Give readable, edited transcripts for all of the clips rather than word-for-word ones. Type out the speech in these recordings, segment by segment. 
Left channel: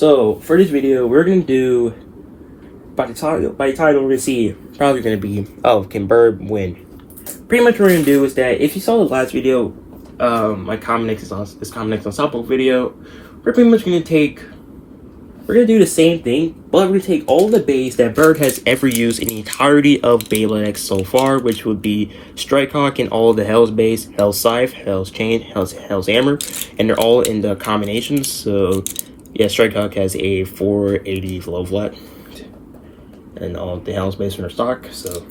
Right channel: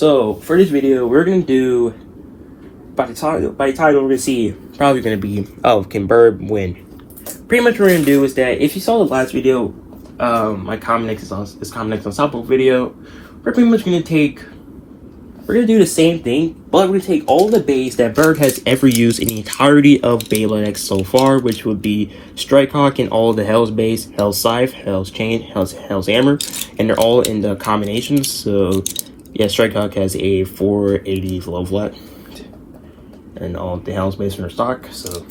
So for this video, we're gonna do by the title we're gonna see probably gonna be can Bird win? Pretty much what we're gonna do is that if you saw the last video, my comment next on top of video, we're pretty much gonna do the same thing, but we're gonna take all the beys that Bird has ever used in the entirety of Beyblade X so far, which would be Strikehawk and all the Hell's beys, Hell's Scythe, Hell's Chain, Hell's Hammer, and they're all in the combinations. So yeah, Strikehawk has a 480 low flat, and all of the Hell's beys are in stock. So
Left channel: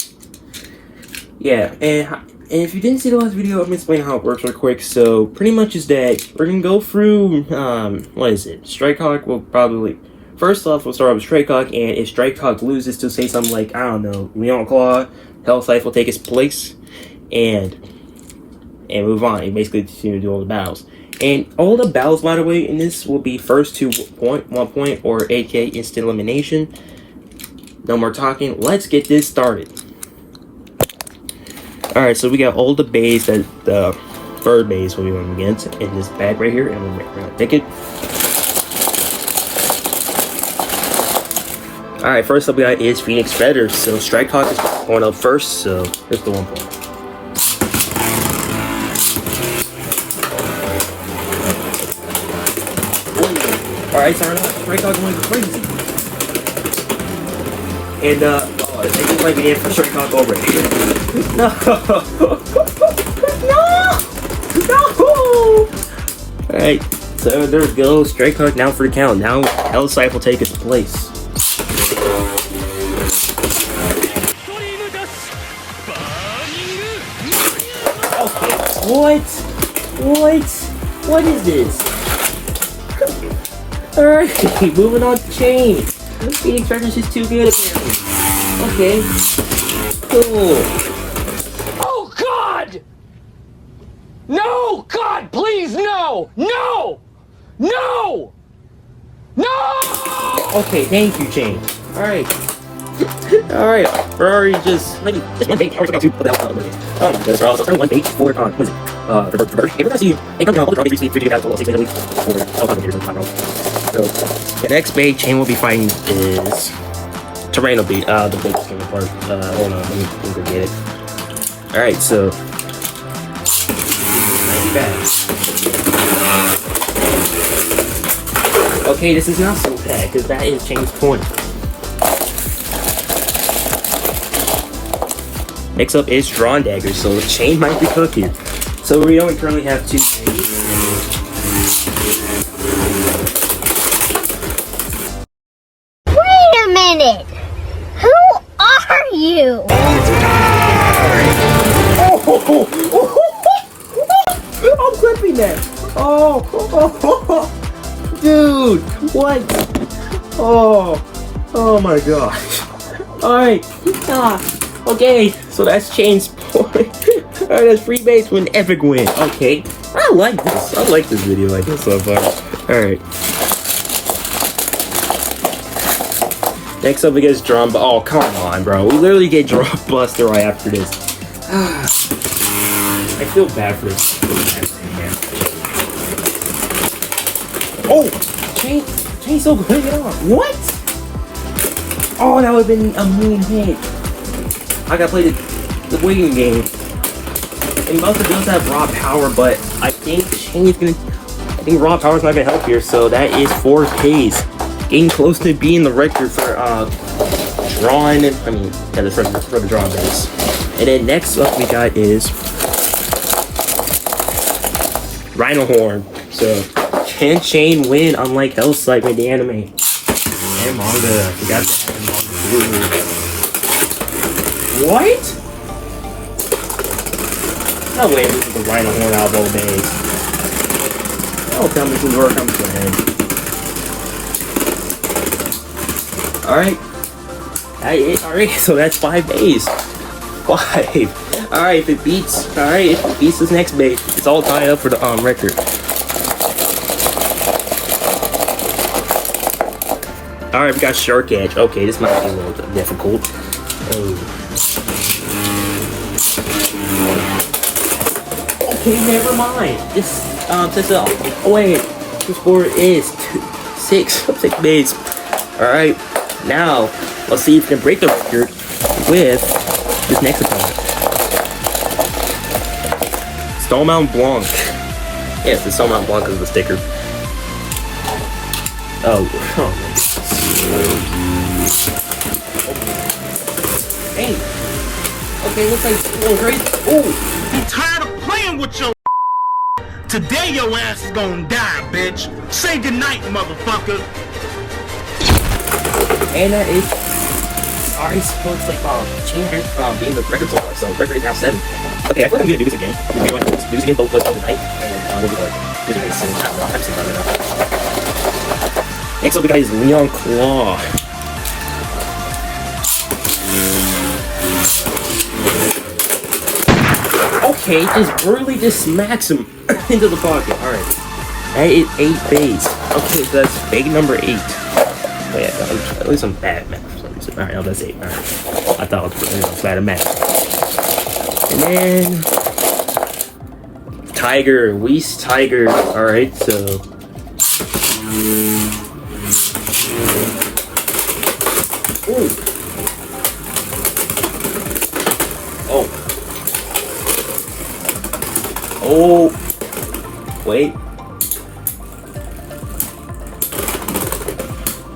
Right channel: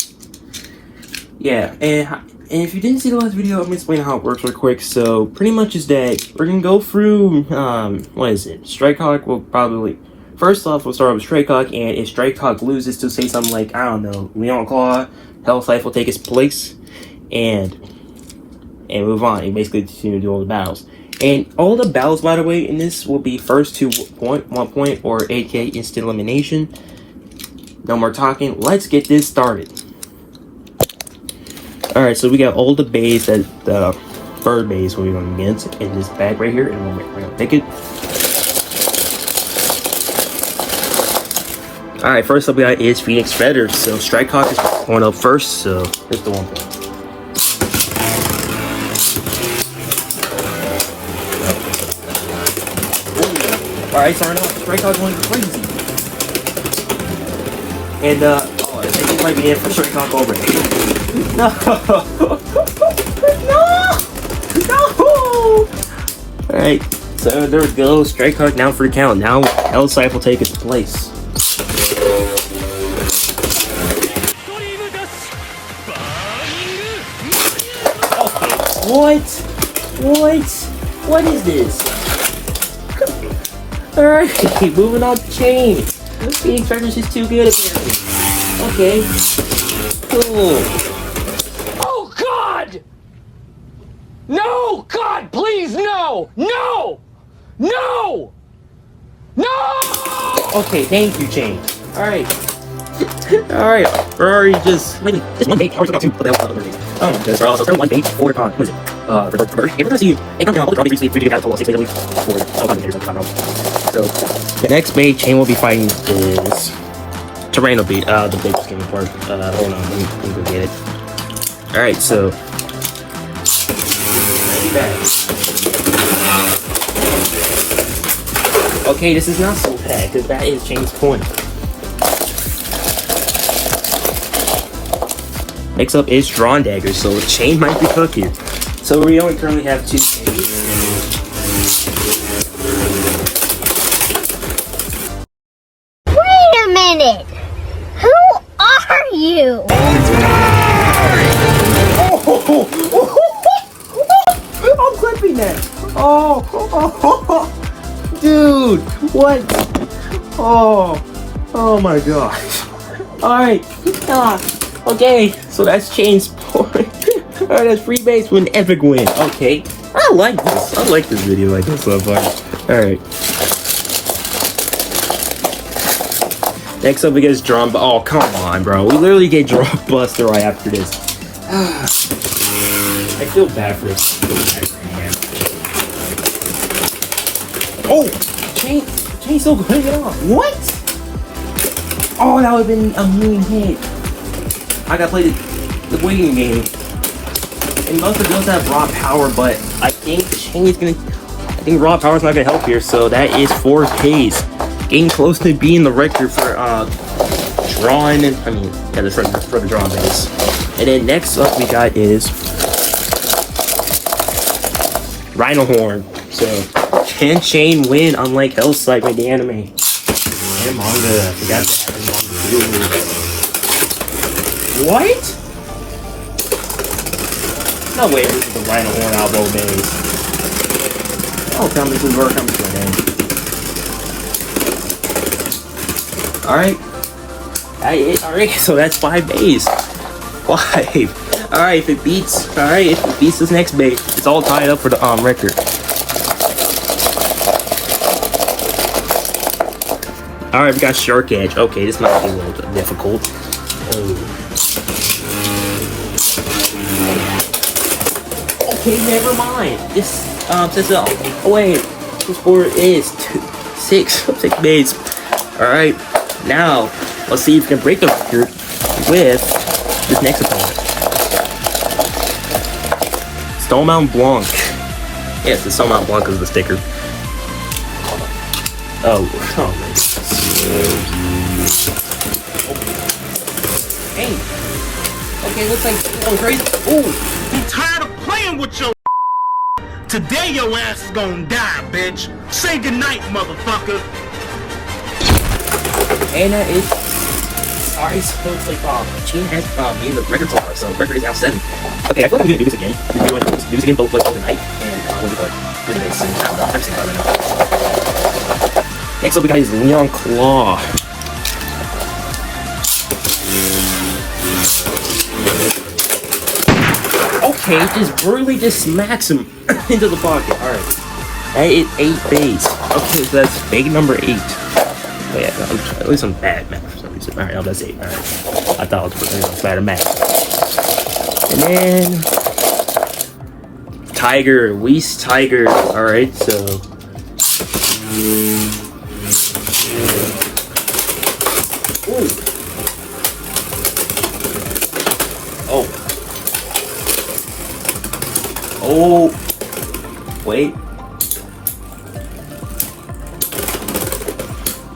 yeah, and if you didn't see the last video, I'm gonna explain how it works real quick. So pretty much is that we're gonna go through what is it? Strikehawk will probably first off we'll start off with Strikehawk, and if Strikehawk loses to say something like, I don't know, Leon Claw, Hell's Scythe will take its place and move on and basically continue to do all the battles. And all the battles, by the way, in this will be first to 1 point, or aka instant elimination. No more talking, let's get this started. Alright, so we got all the beys that the Bird beys will be going against in this bag right here, and we're gonna pick it. Alright, first up we got is Phoenix Feather. So Strikehawk is going up first, so here's the 1 point. Alright, Strikehawk going crazy. And I think it might be the end for Strikehawk already. No! No! Alright, so there we go. Strikehawk now for the count. Now Hell's Scythe will take its place. What? What is this? Alright, moving on to Chain. Phoenix Feather is too good apparently. Okay. Cool. Oh God! No! God, please, no! No! No! No! Okay, thank you, Chain. Alright. Alright. Ferrari just this one bait. Got two. Oh, that's also one bait for what is it? So the next bait Chain will be fighting is Terrain Beat. The bait came first. Hold on, let me get it. Alright, so okay, this is not so bad because that is Chain's point. Next up is Drawn Dagger, so Chain might be cooking. So we only currently have 2 chains. Wait a minute! Who are you? I'm clipping that! Oh, dude, what? Oh my gosh. Alright, okay, so that's Chain's point. Alright, that's 3 beys for an epic win. Okay, I like this. I like this video like this so far. Alright. Next up we get Drawn. Oh, come on, bro. We literally get Draw Buster right after this. I feel bad for this. Oh! Chain's so good. What? Oh, that would have been a mean hit. I gotta play the waiting game. And most of the bills have raw power, but I think Chain's gonna. I think raw power's not gonna help here, so that is 4 Ks. Getting close to being the record for drawing. For the draw base. And then next up we got is Rhino Horn. So can Chain win unlike Hell's Scythe in the anime and manga? I forgot to have manga. What? Oh wait, this is the Rhino Horn elbow base. Oh, tell me some work comes to an end. Alright. Alright, so that's 5 beys. 5. Alright, if it beats this next bait, it's all tied up for the record. Alright, we got Shark Edge. Okay, this might be a little bit difficult. Oh. Okay, never mind. This sport is 6 bays. Alright, now let's see if we can break the record with this next opponent. Stone Blanc. Yes, the Stone Blanc is the sticker. Oh my god. Hey. Okay, looks like going crazy. Ooh. I'm tired of playing with your today your ass is gonna die, bitch. Say goodnight, motherfucker. Anna is already supposed to fall. She has being the record song, so record is now 7. Okay, I feel like I'm gonna do this again. We're going to do this again both ways tonight. And we'll do the race soon. Next up we got his Leon Claw. Okay, just smacks him into the pocket. Alright. That is 8 bays. Okay, so that's bag number 8. Yeah, at least I'm bad math. Alright, no, that's 8. Alright. I thought it was bad at math. And then Tiger, Luis Tiger. Alright, so Oh, wait.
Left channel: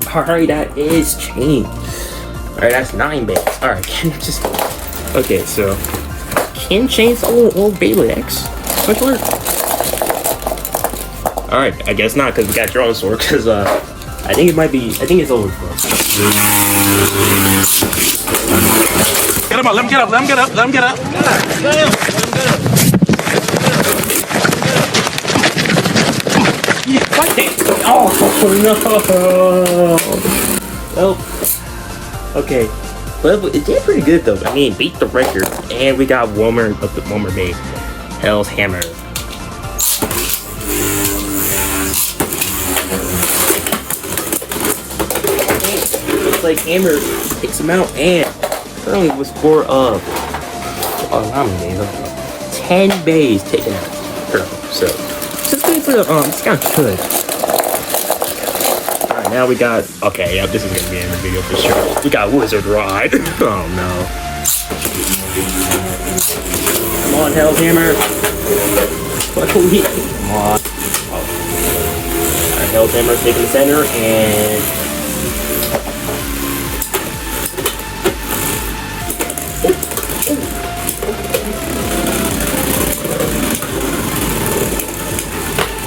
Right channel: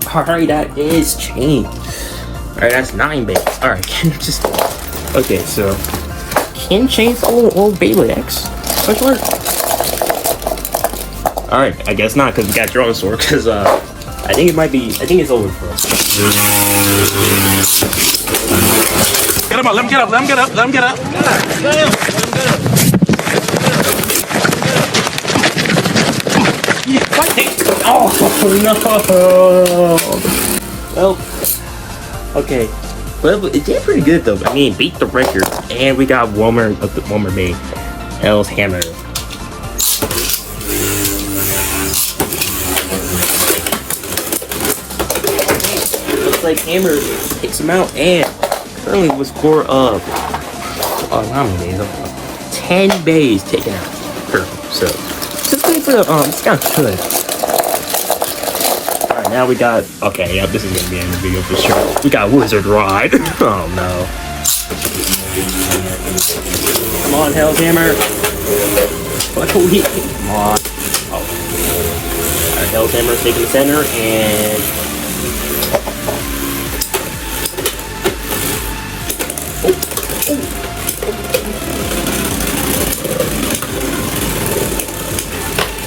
Alright, that is changed. Alright, that's 9 bays. Alright, can you just... Okay, so... Can change old Beyblade X? Question mark? Alright, I guess not, because we got Drone Sword, because, I think it's over for us. Get him up, let him get up, let him get up, let him get up. Oh no! Oh, okay. Well, it did pretty good though. I mean, beat the record, and we got Wilmer Bay, L's Hammer. Looks like Hammer takes him out, and playing the score of 10 bays taken out. So it's kind of good. Alright, now we got... Okay, yeah, this is going to be in the video for sure. We got Wizard Ride. Oh, no. Come on, Hellhammer. Oh, yeah. Come on. Hellhammer taking center, and...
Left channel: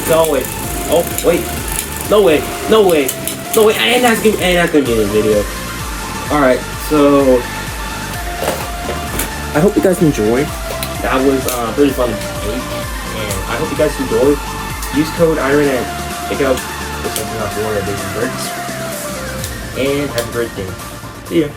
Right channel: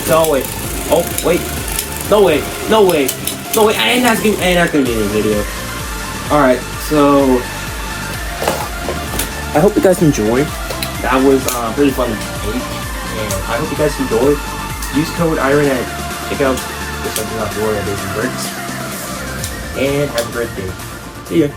No way. Oh, wait. No way. No way. No way. And that's gonna be in the video. Alright, so... I hope you guys enjoyed. That was really fun. And I hope you guys enjoyed. Use code IRON at checkout for something out more at Beysandbricks. And have a great day. See ya.